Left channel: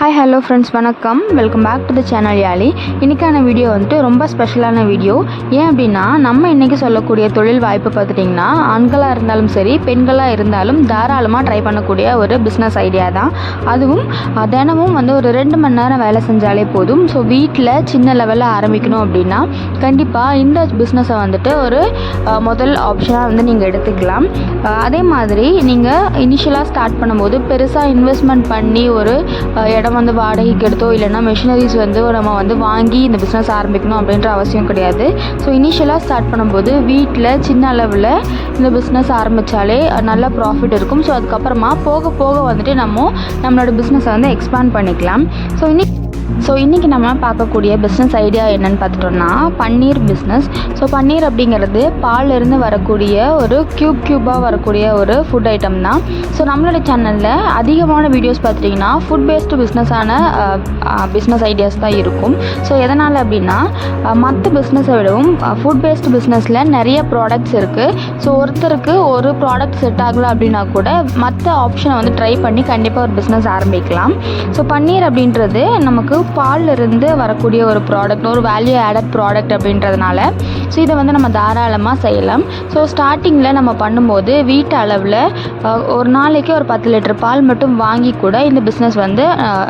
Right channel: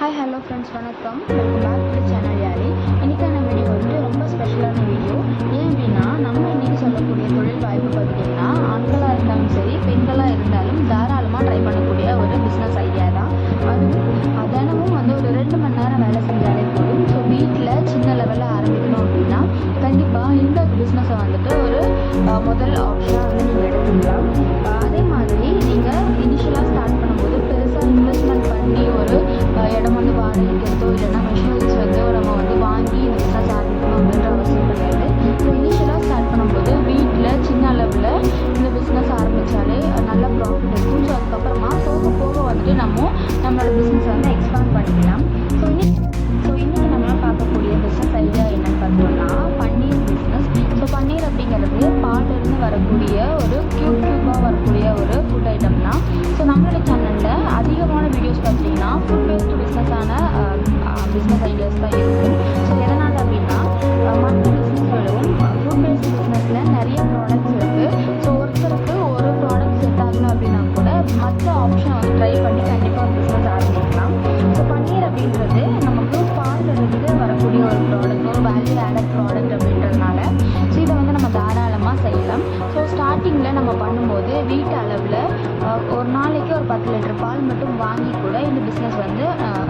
Hi hello friends, வணக்கம். Welcome back to the channel Yaali. இன்றைக்கான video வந்துட்டு ரொம்ப ஸ்பெஷலான வீடியோ. ஏன் அப்படின்னா, நம்ம இன்றைக்கி சொல்லக்கூடிய தொழில் வாய்ப்பு பார்த்துட்டிங்கன்னா, ஆண்களாக இருந்தாலும் சரி, பெண்களாக இருந்தாலும் தாராளமாக ட்ரை பண்ணக்கூடிய ஒரு பிஸ்னஸ் ஐடியா தான். அதுவும் தினமும் ஒரு 2 மணி நேரம் வேலை செஞ்சாலே போதும். ஸோ வீட்டில் சின்ன லெவலில் ஆரம்பிக்கணும் அப்படின்னா கண்டிப்பாக இந்த பிஸ்னஸை வந்துட்டு ஒரு முதல் ஆப்ஷனாக நீங்கள் எடுத்துக்கலாம். அதே மாதிரி நீங்கள் இனிஷியலாக ஸ்டார்ட் பண்ணும்போது பெருசாக இன்வெஸ்ட்மெண்ட் பண்ணி ஒரு இடம் வாடகைக்கு எடுத்தோ இல்லைனா மெஷினரிஸ் நம்ம வாங்கி இந்த பிஸ்னஸ் ஆரம்பிக்கணும் அப்படின்ற அவசியம் கிடையாது. ஸோ இனிஷியலாக ஸ்டார்ட் பண்ணும்போது வீட்டில் சின்ன அளவில் இந்த பிஸ்னஸ் ஆரம்பித்தாலே நல்ல ப்ராஃபிட் இருக்கும். ஸோ அதுக்கப்புறமா போக போக நம்மளோட பிஸ்னஸை எக்ஸ்பேண்ட் பண்ணிக்கலாம். ஸோ இன்றைக்கி நம்ம பார்க்கக்கூடிய பிஸ்னஸ் ஐடியா என்னென்னு பார்த்துட்டோம்னா, பன்னீர் பிஸ்னஸ். ஸோ பன்னீர் அப்படிங்கிறது பாலிருந்து வரக்கூடிய ஒரு க்யூபாக வரக்கூடிய ஒரு ஃபுட் ஐட்டம் தான். ஸோ நம்மளோட சேனலில் அதிகமான வீடியோஸ் பார்த்துட்டிங்கன்னா ஃபுட் பேஸ்டு பிஸ்னஸான பிஸ்னஸ் ஐடியாஸ் தான் இருக்கும். ஸோ எதனால் அப்படின்னா, மற்ற பிஸ்னஸை விடவும் ஃபுட் பேஸ்டு பிஸ்னஸில் நிறைய ப்ராடக்ட்ஸ் இருக்குது. ஸோ ஒருத்தருக்கு ஒரு ப்ராடக்ட் செட் ஆகலை அப்படின்னா கூட மற்ற ஆப்ஷனை ட்ரை பண்ணி கண்டிப்பாக ஒரு பிஸ்னஸ் ஆரம்பிக்கலாம். ஸோ பன்னீர் அப்படின்றது நமக்கு பாலிருந்து வரக்கூடிய ஒரு ப்ராடக்ட், ஒரு வேல்யூ ஆடட் ப்ராடக்ட் அப்படின்றதுனால ஸோ இதை நம்ம தாராளமாக செய்யலாம். ஸோ ஸ்டார்டிங்கில் நம்ம பண்ணும்போது வீட்டு அளவில் ஒரு நாளைக்கு ஒரு 10 லிட்டர் பால் மட்டும் வாங்கி கூட இந்த பிஸ்னஸ்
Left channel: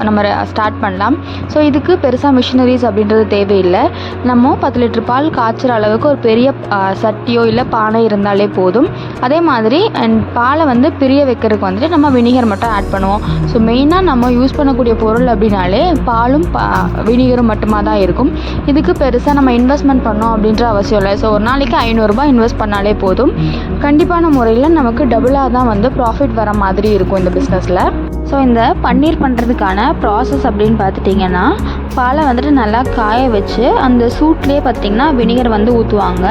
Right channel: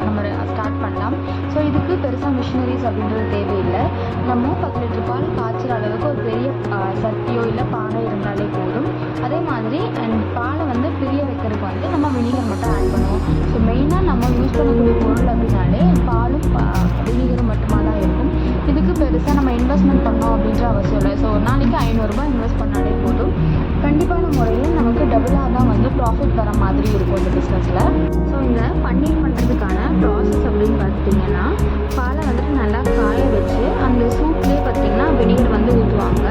நம்ம ஸ்டார்ட் பண்ணலாம். ஸோ இதுக்கு பெருசாக மிஷினரிஸ் அப்படின்றது தேவையில்லை. நம்ம 10 லிட்டர் பால் காய்ச்சுற அளவுக்கு ஒரு பெரிய சட்டியோ இல்லை பானை இருந்தாலே போதும். அதே மாதிரி பாலை பிரிய வைக்கிறதுக்கு நம்ம வினிகர் மட்டும் ஆட் பண்ணுவோம். ஸோ மெயினாக நம்ம யூஸ் பண்ணக்கூடிய பொருள் அப்படின்னாலே பாலும் வினிகரும் மட்டுமா தான் இருக்கும். இதுக்கு பெருசாக நம்ம இன்வெஸ்ட்மெண்ட் பண்ணோம் அப்படின்ற அவசியம் இல்லை. ஸோ ஒரு நாளைக்கு 500 ரூபாய் இன்வெஸ்ட் பண்ணாலே போதும். கண்டிப்பான முறையில் நமக்கு டபுளாக தான் ப்ராஃபிட் வர மாதிரி இருக்கும் இந்த பிஸ்னஸில். ஸோ இந்த பன்னீர் பண்ணுறதுக்கான ப்ராசஸ் அப்படின்னு பார்த்துட்டிங்கன்னா, பாலை நல்லா காய வச்சு அந்த சூட்லேயே பார்த்திங்கன்னா வினிகர் ஊற்றுவாங்க.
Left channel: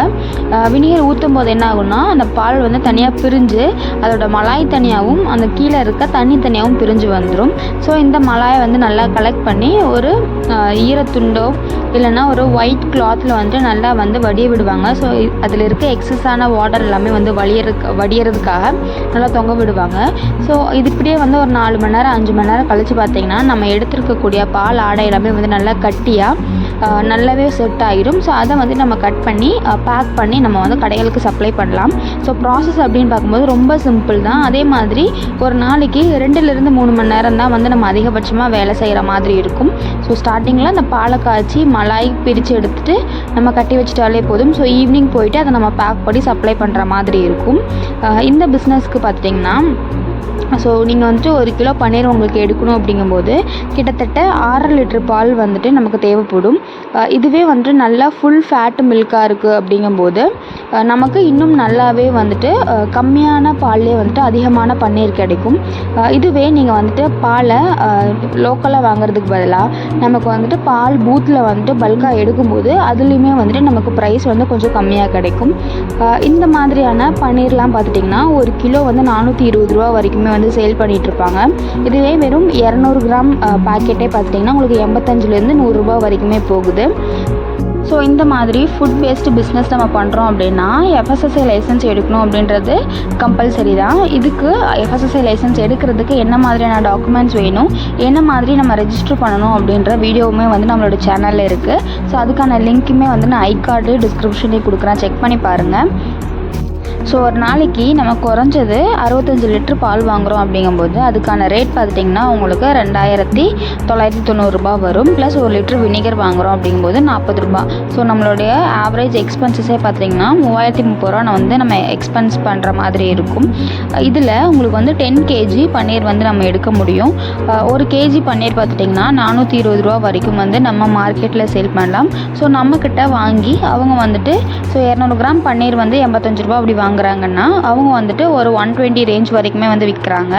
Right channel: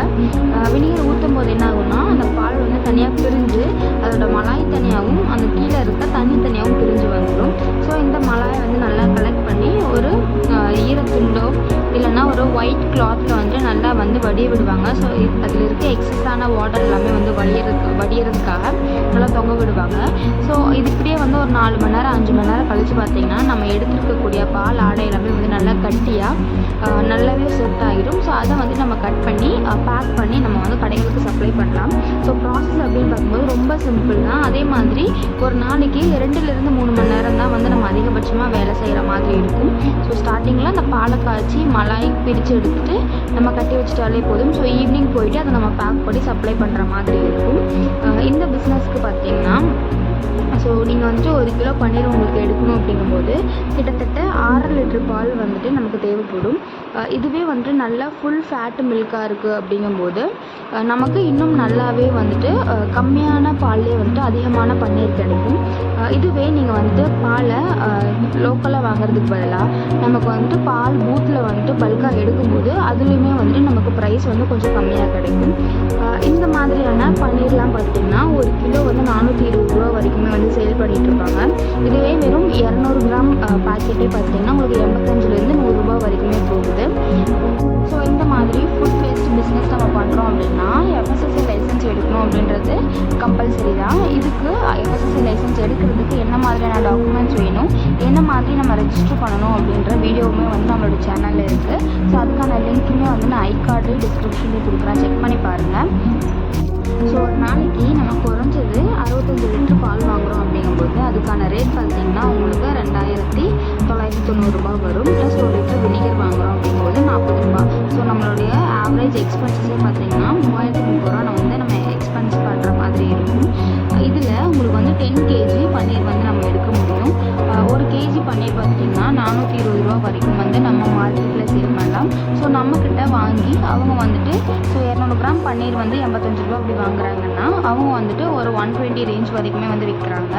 வினிகர் ஊற்றும் போது என்ன ஆகும்னா, அந்த பால் தனியாக பிரிஞ்சு அதோட மலாய் தனியாகவும் அந்த கீழே இருக்க தண்ணி தனியாகவும் பிரிஞ்சு வந்துடும். ஸோ இந்த மலாயை நல்லா கலெக்ட் பண்ணி ஒரு ஈரத்துண்டோ இல்லைன்னா ஒரு ஒயிட் கிளாத்தில் நல்லா வடிய விடுவாங்க. ஸோ அதில் இருக்க எக்ஸஸான வாட்டர் எல்லாமே வடியறதுக்காக நல்லா தொங்க விடுவாங்க. ஸோ இது இப்படியே ஒரு 4 மணி நேரம் 5 மணி நேரம் கழித்து பார்த்திங்கன்னா, நம்ம எடுத்துருக்கக்கூடிய பால் ஆடை எல்லாமே நல்லா கட்டியாக நல்லாவே செட் ஆகிடும். ஸோ அதை நம்ம கட் பண்ணி பேக் பண்ணி நம்ம கடைகளுக்கு சப்ளை பண்ணலாம். ஸோ ப்ராசஸ் அப்படின்னு பார்க்கும்போது ரொம்ப சிம்பிள் தான். அதே மாதிரி ஒரு நாளைக்கு 2லிருந்து 3 மணி நேரம் தான் நம்ம அதிகபட்சமாக வேலை செய்கிற மாதிரி இருக்கும். ஸோ ஸ்டார்டிங்கில் அந்த பாலை காய்ச்சி மலாய் பிரித்து எடுத்துகிட்டு நம்ம கட்டி வச்சுட்டாலே போதும். ஸோ ஈவினிங் போயிட்டு அதை நம்ம பேக் பண்ணி சப்ளை பண்ணுற மாதிரி இருக்கும். இந்த பிஸ்னஸ்க்கு பார்த்திங்கன்னா, ஸோ நீங்கள் 1 கிலோ பன்னீர் உங்களுக்கு எடுக்கணும் அப்படிங்கும்போது கிட்டத்தட்ட 6 லிட்டர் பால் நமக்கு தேவைப்படும். இதுவே நல்லா ஃபுல் ஃபேட் மில்காக இருக்குது அப்படிங்கும்போது நமக்கு இன்னும் நல்லாவே கம்மியான பால்லே அதிகமான பன்னீர் கிடைக்கும். இதுவே நீங்கள் பாலை லோக்கலாக வாங்குறதுக்கு பதிலாக நமக்கு பால் பூத்தில் பல்காக எடுக்கும்போது அதுலேயுமே நமக்கு ப்ரைஸ் கொஞ்சம் கம்மியாக கிடைக்கும். இந்த மாதிரியான பன்னீர்லாம் பார்த்துட்டிங்கன்னா 1 கிலோ 420 ரூபா வரைக்குமே சேல் பண்ணிகிட்டு இருப்பாங்க. இதுவே வெறும் 200 கிராம் பேக்கெட்டே பார்த்திங்கன்னா உங்களுக்கு 85லேருந்து 100 ரூபா வரைக்குமே போகுது. ஸோ இந்த மாதிரி ஃபுட் பேஸ்டு பிஸ்னஸ் நம்ம பண்ணுறோம் அப்படின்னா FSSAI லைசன்ஸ் எடுக்கணும் அப்படின்றது கம்பல்சரி தான். இதுக்கு FSSAI லைசன்ஸ் எடுக்கிறதுக்கு என்ன மாதிரியான டாக்குமெண்ட்ஸ் வேணும், என்ன மாதிரி நம்ம ரெஜிஸ்டர் பண்ணணும் அப்படின்ற வீடியோவுமே நம்மளோட சேனலில் இருக்குது. ஸோ அதுக்கான லிங்க்குமே நான் ஐகார்டு டிஸ்கிரிப்ஷன்லேயே கொடுக்குறேன், செக் பண்ணி பாருங்கள். ஸோ ஒரு நாளைக்கு நம்ம குறைஞ்சது 65 லிட்டர் பால் வாங்குகிறோம் அப்படிங்கும்போது அதுக்கான ரேட் பார்த்திங்கன்னா உங்களுக்கு 2990 ரூபா வரும். ப்ளஸ் 1 லிட்டர் வினிகர் வாங்குகிறோம் அப்படிங்கும்போது 40 ரூபா. ஸோ நம்மளுடைய ஆவரேஜ் எக்ஸ்பென்சஸே பார்த்திங்கன்னா 3030 ரூபா நம்ம எக்ஸ்பென்ஸ் பண்ணுற மாதிரி இருக்கும். இதில் உங்களுக்கு 10 கேஜி பன்னீர் நம்ம எடுக்க முடியும். 1 கேஜி பன்னீர் பார்த்துட்டிங்கன்னா 420 ரூபா வரைக்கும் நம்ம மார்க்கெட்டில் சேல் பண்ணலாம். ஸோ நம்மக்கிட்ட வாங்கி அவங்க ஸோ 200 கிராம் பன்னீர் 85 ரூபா அப்படி வாங்குறாங்கன்னா அவங்க ஒரு 120 ரேஞ்ச் வரைக்குமே விற்கிறாங்க.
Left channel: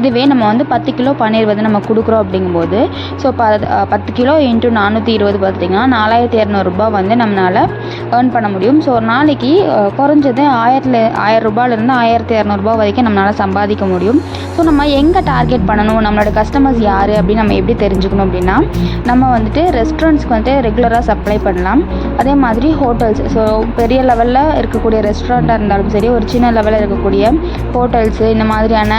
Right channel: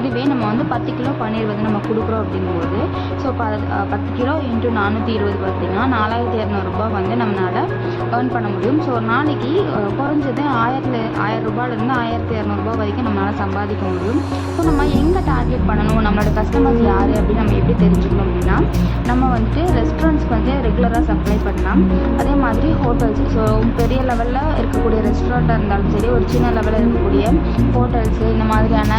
இதுவே நம்ம 10 கிலோ பன்னீர் நம்ம கொடுக்குறோம் அப்படிங்கும்போது ஸோ 10 கிலோ இன்ட்டு 420 பார்த்திங்கன்னா 4200 ரூபா நம்மளால் ஏர்ன் பண்ண முடியும். ஸோ ஒரு நாளைக்கு குறைஞ்சது 1000 ரூபாயிலிருந்து 1200 ரூபா வரைக்கும் நம்மளால் சம்பாதிக்க முடியும். ஸோ நம்ம எங்கே டார்கெட் பண்ணணும், நம்மளோட கஸ்டமர்ஸ் யார் அப்படின்னு நம்ம எப்படி தெரிஞ்சுக்கணும் அப்படின்னா, நம்ம ரெஸ்டாரண்ட்ஸ்க்கு ரெகுலராக சப்ளை பண்ணலாம். அதே மாதிரி ஹோட்டல்ஸ், ஸோ பெரிய லெவலில் இருக்கக்கூடிய ரெஸ்டாரண்ட்டாக இருந்தாலும் சரி, சரி ஒரு சின்ன லெவலில் இருக்கக்கூடிய ஹோட்டல்ஸு இந்த மாதிரியான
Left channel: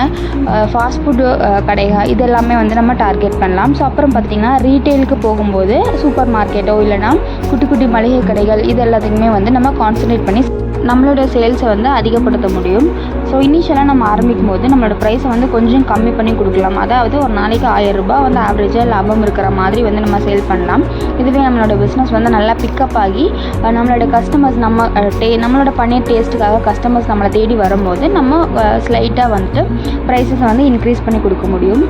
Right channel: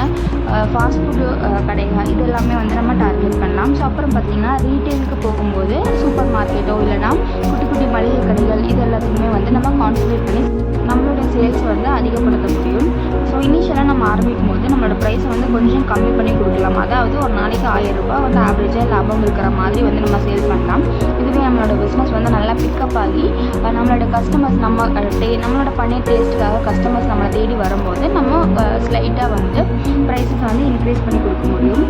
ஃபாஸ்ட் ஃபுட்டு கடைகள் இது எல்லாமே வந்து நம்ம டார்கெட் பண்ணலாம். ஸோ அப்புறம் பார்த்திங்கன்னா ரீட்டெயிலுக்கு போகும்போது சூப்பர் மார்க்கெட்டோ இல்லைனா குட்டி குட்டி மளிகை கடைகள் இது எல்லாத்துக்குமே வந்து நம்ம கான்சன்ட்ரேட் பண்ணி நம்மளோட சேல்ஸை வந்து அதிகப்படுத்த முடியும். ஸோ இனிஷியலாக நம்ம ஆரம்பிக்கும் போது நம்மளோட ப்ரைஸை வந்து கொஞ்சம் கம்மி பண்ணி கொடுக்கலாம். அதாவது ஒரு நாளைக்கு 1000 ரூபாய் வந்து ஆவரேஜாக லாபம் இருக்கிற மாதிரி வந்து நம்ம சேல் பண்ணலாம். இதுவே நம்மளோட பிஸ்னஸ் வந்து நல்லா பிக்கப் ஆகி நம்மளோட கஸ்டமர்ஸ் நம்மளோட பன்னீர் டேஸ்ட்டுக்காக கஸ்டமர்ஸ் நம்மளை தேடி வரும்போது நம்ம ஸ்லைட்டாக வந்துட்டு ப்ரைஸஸை வந்து இன்க்ரீஸ் பண்ணி கொடுக்க முடியும்.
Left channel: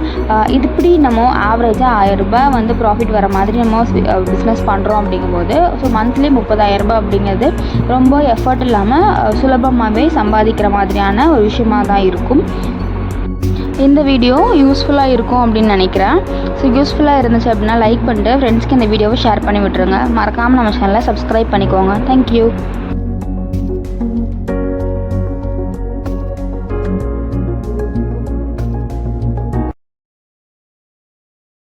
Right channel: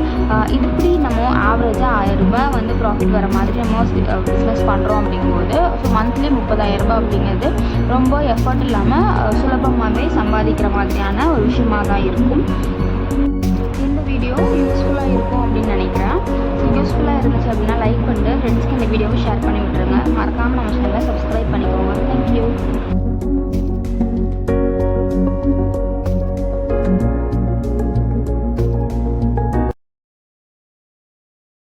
இப்படி நம்ம ஆவரேஜாக 1000 ரூபாய் வந்து ப்ராஃபிட் வர மாதிரி நம்ம பிஸ்னஸ் பண்ணுறோம் அப்படிங்கும்போது ஸோ மந்த்லி 30,000 ரூபாய் அப்படிங்கிறது ரொம்ப எஃபர்ட் இல்லாமல் சுலபமாகவே சம்பாதிக்கிற மாதிரியான ஒரு விஷயமாக தான் இருக்கும். இந்த வீடியோ யூஸ்ஃபுல்லாக இருக்கும் அப்படின்னு நினைக்கிறேன். ஸோ யூஸ்ஃபுல்லாக இருந்துச்சு அப்படின்னா லைக் பண்ணிட்டு ஃப்ரெண்ட்ஸ்க்கு இந்த வீடியோவை ஷேர் பண்ணி விட்டுருங்க. மறக்காமல் நம்ம சேனலை சப்ஸ்கிரைப் பண்ணிக்கோங்க. தேங்க்யூ.